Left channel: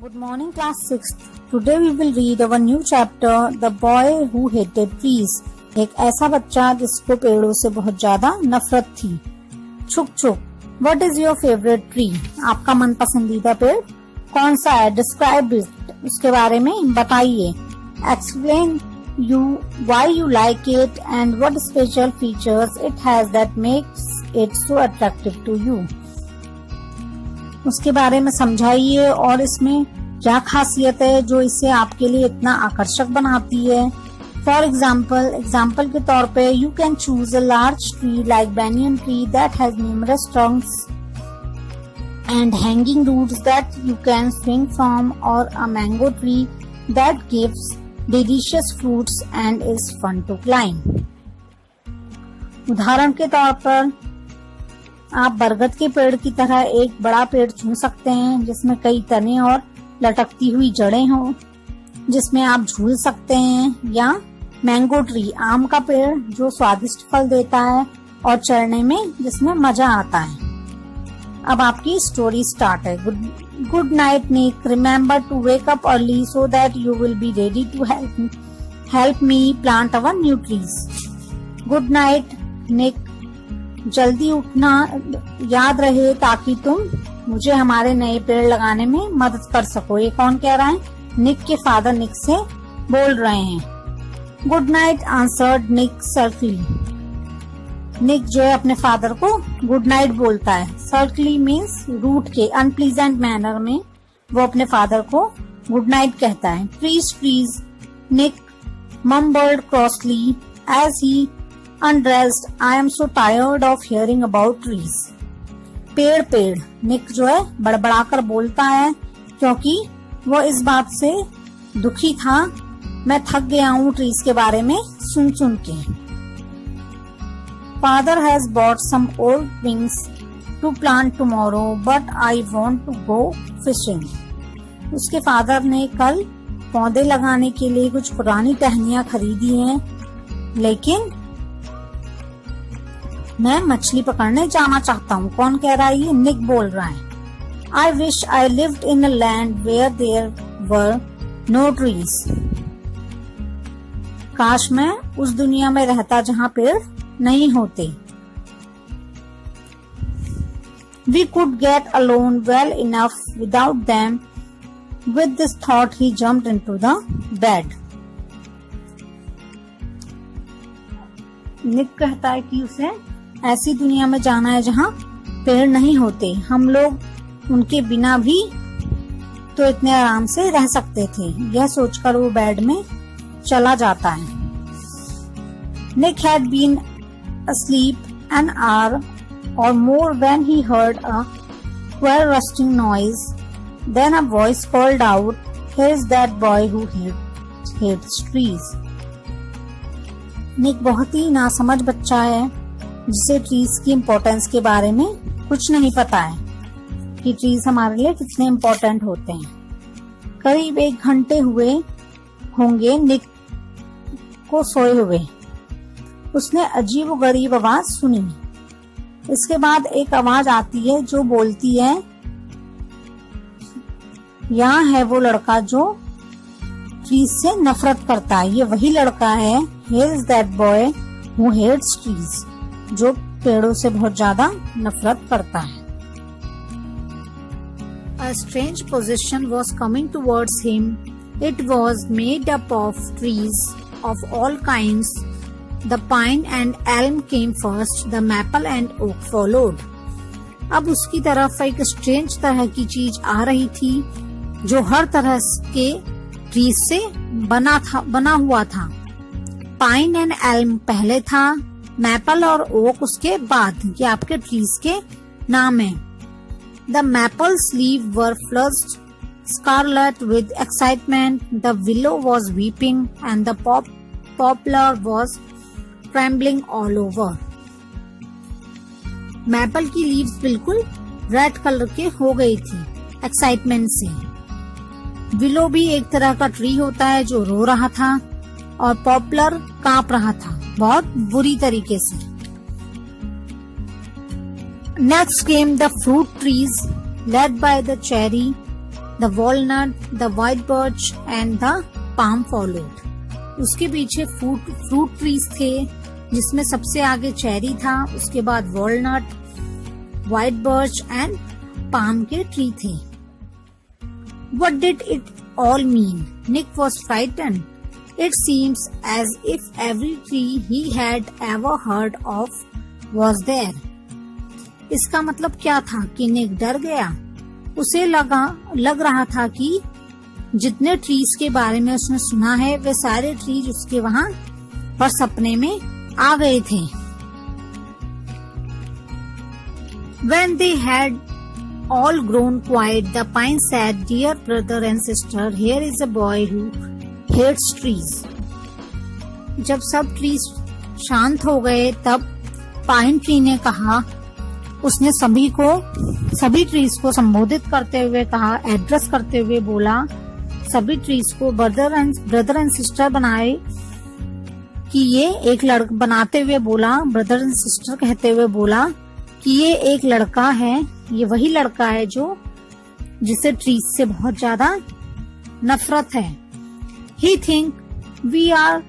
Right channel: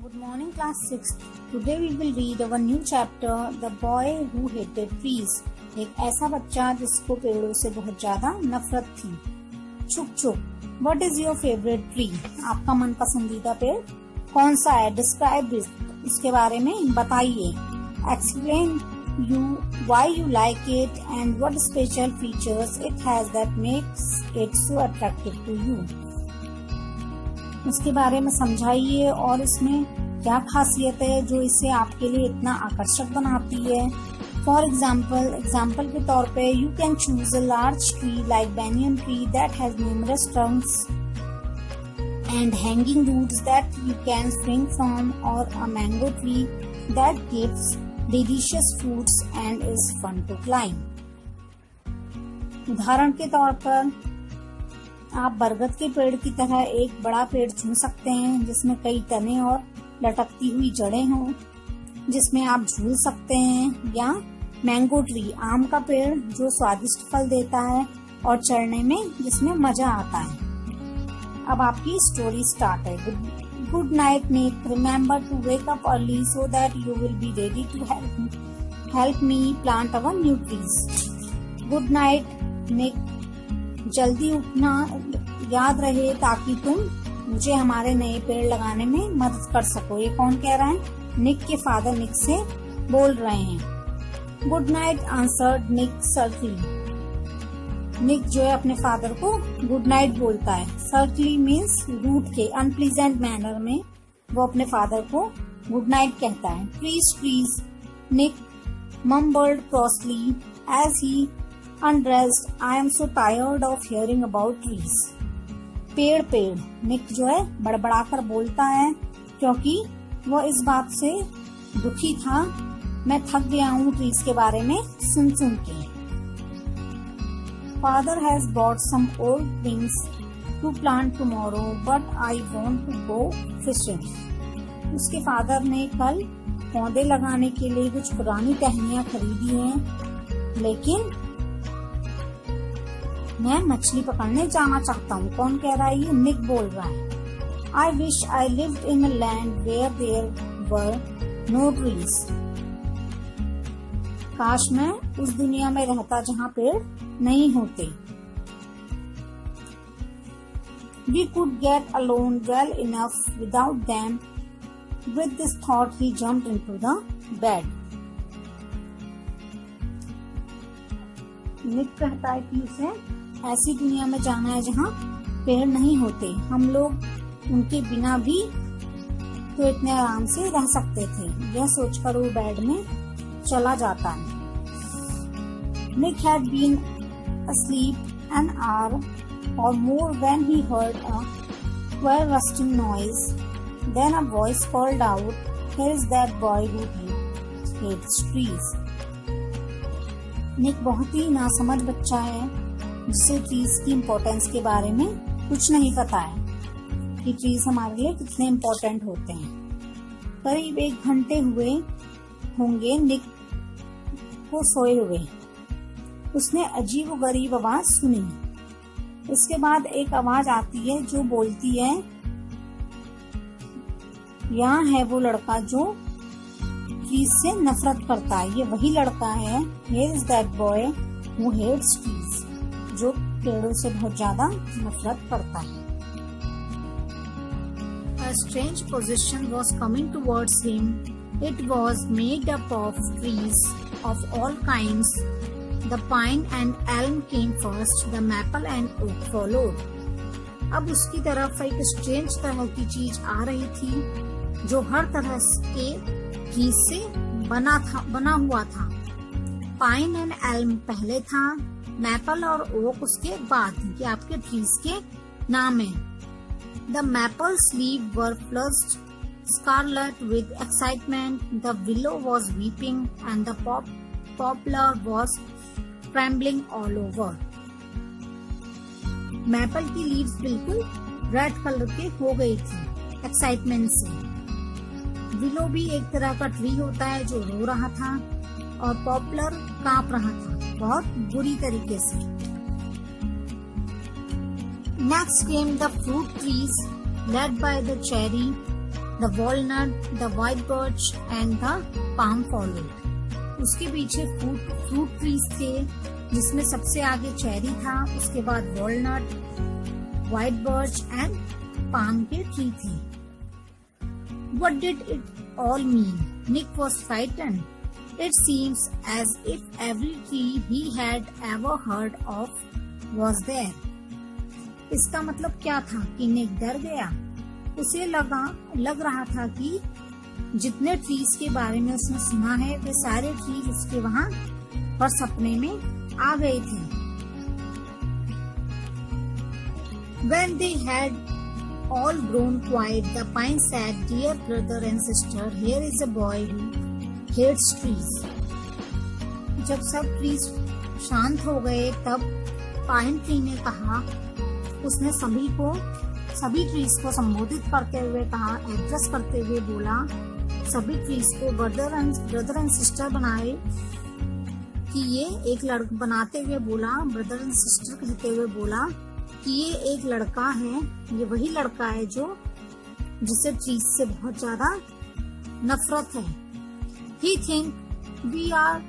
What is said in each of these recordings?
Good morning, class 6th. Today we will read our new chapter, The Boy Who Hated Trees. एक ऐसा बच्चा जिसको पेड़ों से बहुत ज्यादा नफरत थी. छुक छुक. What is your favorite tree? आपका मन पसंदीदा पेड़ कौन सा है? Describe it. उसके बारे में बताइए. Explain why you like it and what special features it has that makes it so attractive to you. उसके बारे में समझाइए और इसमें क्या खासियत है जो इसे आपके लिए इतना आकर्षक बनाती है. फॉर एग्जाम्पल के तौर पे you can choose a large tree like banyan tree that has numerous trunks and hanging roots that you can swing from, or a mango tree that gives delicious fruits and is fun to climb. उदाहरण के तौर पर आप बरगद के पेड़ की तरह एक बड़ा पेड़ चुन सकते हैं जिसमें कई तने और लटकती हुई जड़ें हों, जिसमें आप झूल सकते हैं, या मैंगो ट्री आम का पेड़ जो स्वादिष्ट फल देता है और चढ़ने में जिसमें मजा आता है. अब आपकी स्टोरी स्टार्ट है. Good night Nick. Remember to wake up early so that you will be ready to help me plant our new trees. Good night Nick. जल्दी उठना याद रहे ताकि तुम मुझे हमारे नए पेड़ लगाने में मदद कर सको. ये कौन कह रहा है? निक के फादर निक से बोल रहे हैं. Good night answered Nick curtly. Nick जो है अपने फादर को गुड नाइट बोलता है. सर्कली मीन्स रूट के अनप्लीजेंट मैनर में वो अपने फादर को गुड नाइट कहता है. Please please Nick mumbled crossly as he undressed. I am so tired of hearing about trees. पेड़ पेड़. निक जो है बड़बड़ाकर बोलता है क्योंकि वो इस बात से दुखी था. मैं थक गया हूँ ट्रीज के बारे में सुन सुन के. Father has bought some old things to plant tomorrow, but I want to go fishing. उसके फादर ने कल पौधे लगाने के लिए कुछ पुरानी टहनियाँ खरीदी हैं, लेकिन मैं मछली पकड़ने जाना चाहता हूँ. कौन कह रहा है? ये निक बोल रहा है. I wish I lived in a land where there were no trees. काश मैं उस दुनिया में रहता जहाँ पेड़ नहीं होते. We could get along well enough without them. With this thought, he jumped into the bed. निक कहता है कि उसे ऐसी दुनिया में जाना है जहाँ पेड़ नहीं होते. हम लोग उनके बिना भी तो इतने आराम से रह सकते थे. यह सोचकर वो बेड में चला जाता है. Nick had been asleep an hour or more when he heard a queer rustling noise. Then a voice called out, "Here is that boy who hates trees." निक बहुत ही नासमझ बच्चा है जिसे ट्रीज की इम्पोर्टेंस के बारे में कुछ नहीं पता है कि ट्रीज हमारे लिए कितने इम्पोर्टेंट होते हैं. करीब 1 घंटे हुए होंगे निक को सोए हुए. उसने अजीब व गरीब आवाज सुनी. इसके बाद एक आवाज आती है जो बोलती है, यहाँ है वो लड़का जो ट्रीज से नफरत करता है. ये वही लड़का है. Here is that boy who hates trees. जो पेड़ों से बहुत ज्यादा नफरत करता है. A strange procession was coming towards him. It was made up of trees of all kinds. The pine and elm came first. The maple and oak followed. अब उसकी तरफ एक स्ट्रेंज तरह की चीज आ रही थी जो हर तरह के ट्रीज से बना हुआ था. पाइन एंड एल्म पहले था, मैपल और ओक उसके बाद. ये आपके ट्रीज के नाम है. The maples leave were flushed scarlet with excitement. The willow was weeping and the poplar was trembling all over. Maple की लीव्स बिल्कुल रेड कलर के हो गई थी एक्साइटमेंट से. विलो भी एक तरह का ट्री होता है जो रो रहा था, और पॉपुलर कांप रहा था बहुत बुरी तरीके से. Next came the fruit trees led by the cherry the walnut, the white birch and the palm followed. उसके पीछे फ्रूट ट्रीज थे, जिसमें सबसे आगे चेरी था, उसके बाद walnut, white birch and palm के ट्री थे। What did it all mean? Nick was frightened. It seems as if every tree he had ever heard of was there. इसका मतलब क्या था कि निक डर गया। उसे लग रहा था कि जितने ट्रीज के बारे में उसने सुना है वे सारे ट्रीज उसके वहां पर सपने में आ गए थे। When they had all grown quiet, the pine said, "Dear brother and sister, here is a boy who hates trees." जब सब ट्रीज शांत हो गए तब पाइन ट्री ने कहा, उसने सभी ट्रीज को संबोधित करते हुए कहा, एड्रेस करते हुए बोला, सभी ट्रीज को ब्रदर एंड सिस्टर बनाए कि ये एक लड़का बनाते हुए बोला, ब्रदर एंड सिस्टर कहते हुए बोला कि ये एक लड़का है, ये वही लड़का है जिसे ट्रीज से बहुत ज्यादा नफरत है। He think we are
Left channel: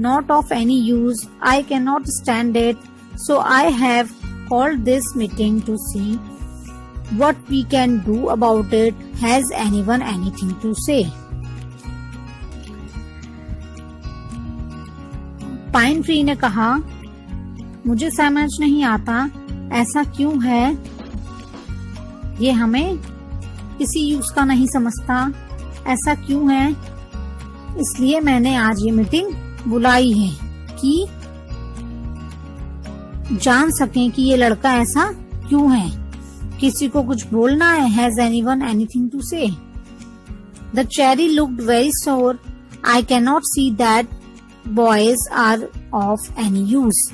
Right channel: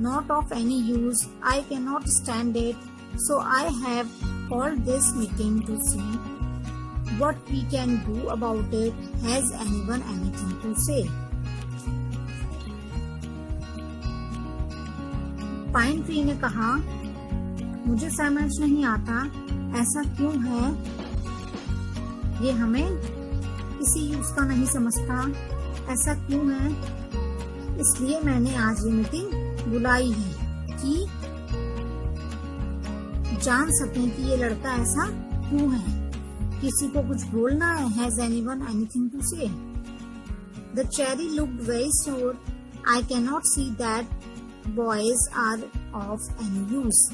not of any use. I cannot stand it. So I have called this meeting to see what we can do about it. Has anyone anything to say? Pine tree ने कहा, मुझे समझ नहीं आता ऐसा क्यों है, ये हमें किसी यूज का नहीं समझता, ऐसा क्यों है, इसलिए मैंने आज ये मीटिंग बुलाई है कि जान सकें कि ये लड़का ऐसा क्यों है। किसी को कुछ बोलना है। Has anyone anything to say? The cherry looked very sour. I can not see that boys are of any use.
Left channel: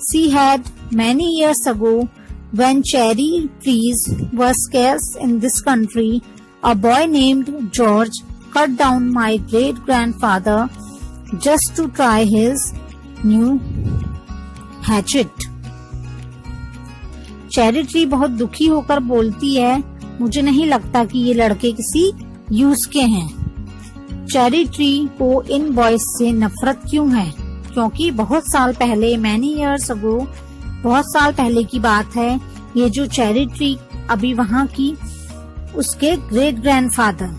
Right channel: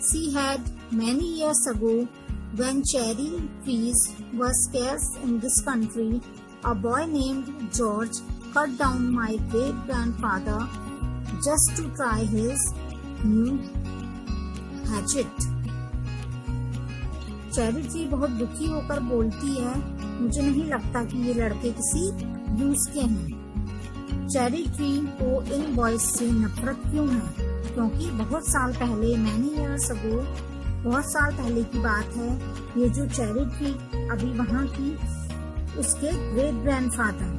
She had many years ago, when cherry trees were scarce in this country, a boy named George cut down my great-grandfather just to try his new hatchet. Cherry tree बहुत दुखी होकर बोलती है, मुझे नहीं लगता कि ये लड़के किसी यूज के हैं। चेरी ट्री को इन बॉयज से नफरत क्यों है? क्योंकि बहुत साल पहले, मैनी ईयर्स अगो, बहुत साल पहले की बात है, ये जो चेरी ट्री अभी वहाँ की, उसके ग्रेट ग्रैंडफादर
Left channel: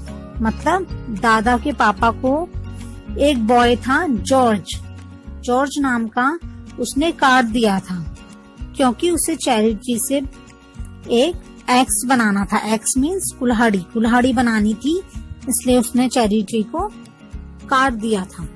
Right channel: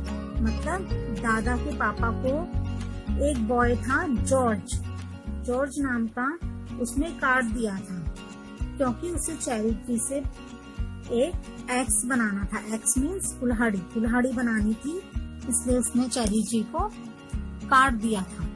मतलब दादा के पापा को एक बॉय था जॉर्ज नाम का, उसने काट दिया था क्योंकि उसे चेरी ट्री से एक एक्स बनाना था। एक्स मीन्स कुल्हाड़ी बनानी थी, इसलिए उसने चेरी ट्री को काट दिया था।